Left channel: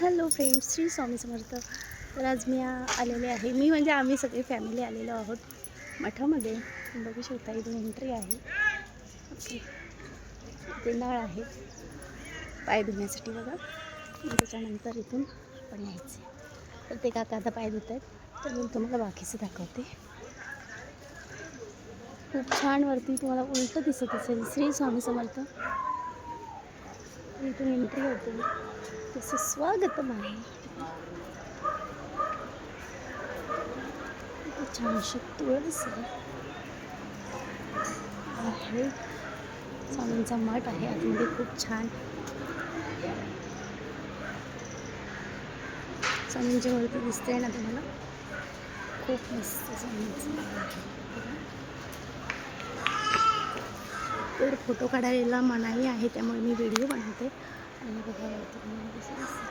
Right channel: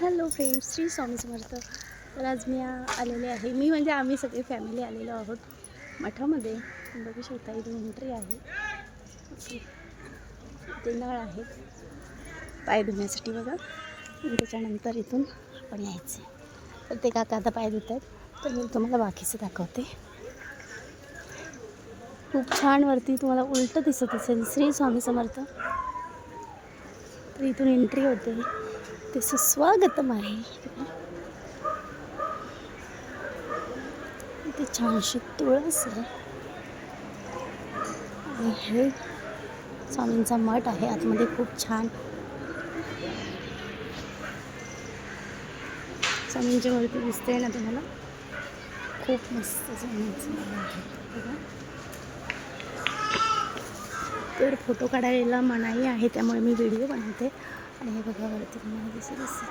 Hello friends Shri Swami Samarth. तर आज मी आलेले आहे. मी म्हणजे आम्ही सगळी फॅमिली आलेलो आहोत मठामध्ये. बघू शकता इथून एंट्री आहे. ते नळ आहे. पाय धुण्यासाठी बघा. त्याच्यानंतर इथून आपण यायचे तर ते काका आता पाय धुत आहेत तर मी तुम्हाला बाकीचं दाखवते. खूप छान वरती तुम्हाला उलटं दिसत असेल. श्री स्वामी समर्थ. तर इथून एंट्री होते. तसं स्वागतम आहे. ते छानशी तुळस आहे. स्वामींचा मठ आहे. आतमध्ये खूप छान. स्वामींची मूर्ती दिसते ना तुम्हाला? खूप मस्त स्वामींचं तर फोटो काढायला मनाई आहे त्यामुळे मी व्हिडिओ बनवते. Beni bir hava ettirmeni geçirirsin.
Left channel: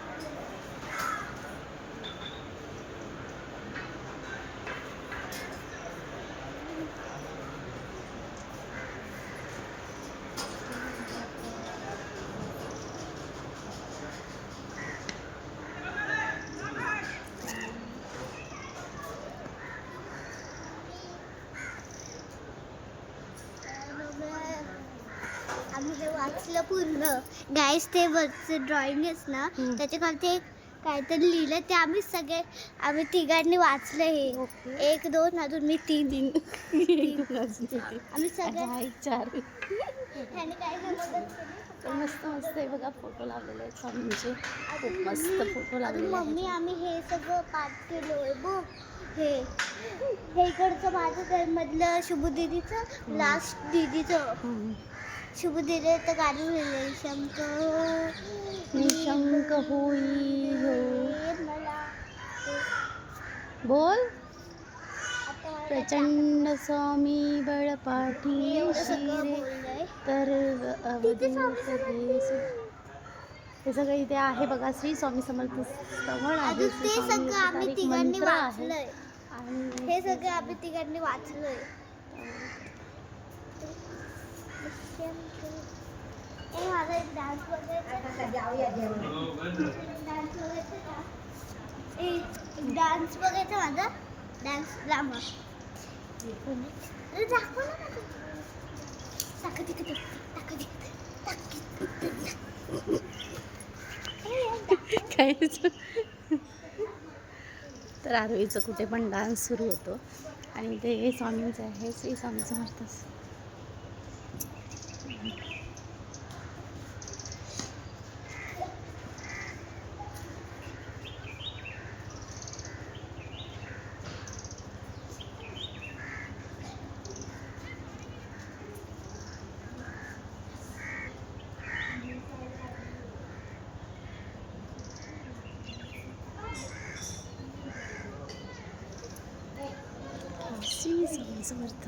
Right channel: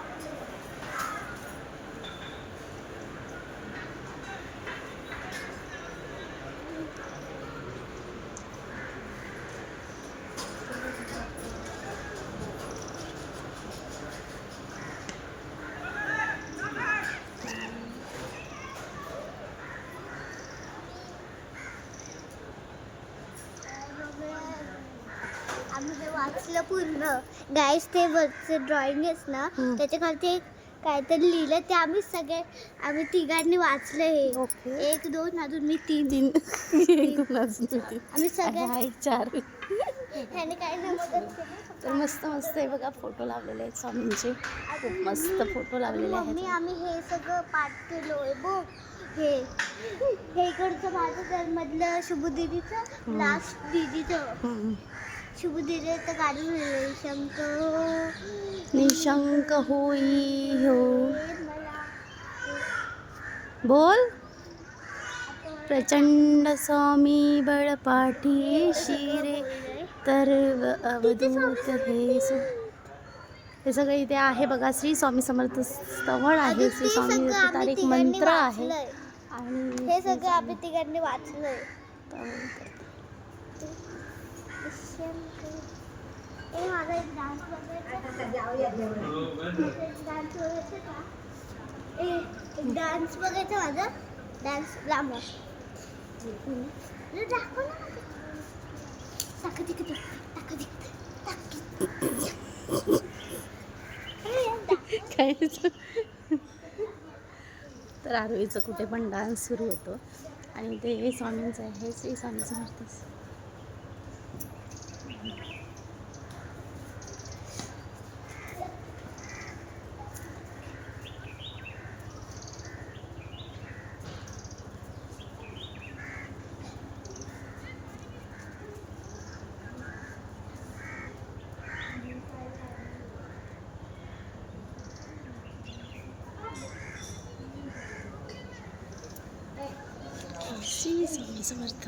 आम्ही हे वाचलं पूर्ण गाईस ते वरचे ड्रॉइंग आहेस ना. त्याच्या एक काहीतरी लिहिलं ते आम्ही सगळे आम्ही तिघांनी वाचलं हे. एक दोन अजून मी तीन. होती आम्ही सगळे एक चार. ह्याने काय? तर मस्त मस्त आहे बघा फोटो लावलेले आहेत स्वामींचे खूप मस्त फोटो आणि लावलेले मम्मी आम्ही हे सगळं पाठ केलोय बघ. हे. हे इकडचं माझं घर मधलं शुभू दिदीचं. लास्ट दिदीचं. शुभू दिदी तर गाडी लिहिलंय शंकर निशंक. होई हो. बोल. प्रचंड स्वामी बळपाठी शिरे तर अवधूत हे सगळं इथे आहे बघा. श्री स्वामी समर्थ स्थळ आहे. श्री स्वामी मंत्र आहे. आणि हे सगळं आम्ही तिघांनी वाचलंय. ए माझा एक डान्स बघायचा एक डान्स बघायचा माझा? डान्स दाखव तिकडे. तिकडे. काय तर आरोहीचं कुठे पण डान्स सुरू होतो. आणि ते स्वामींचं आहे श्री स्वामी समर्थ. श्री स्वामी समर्थ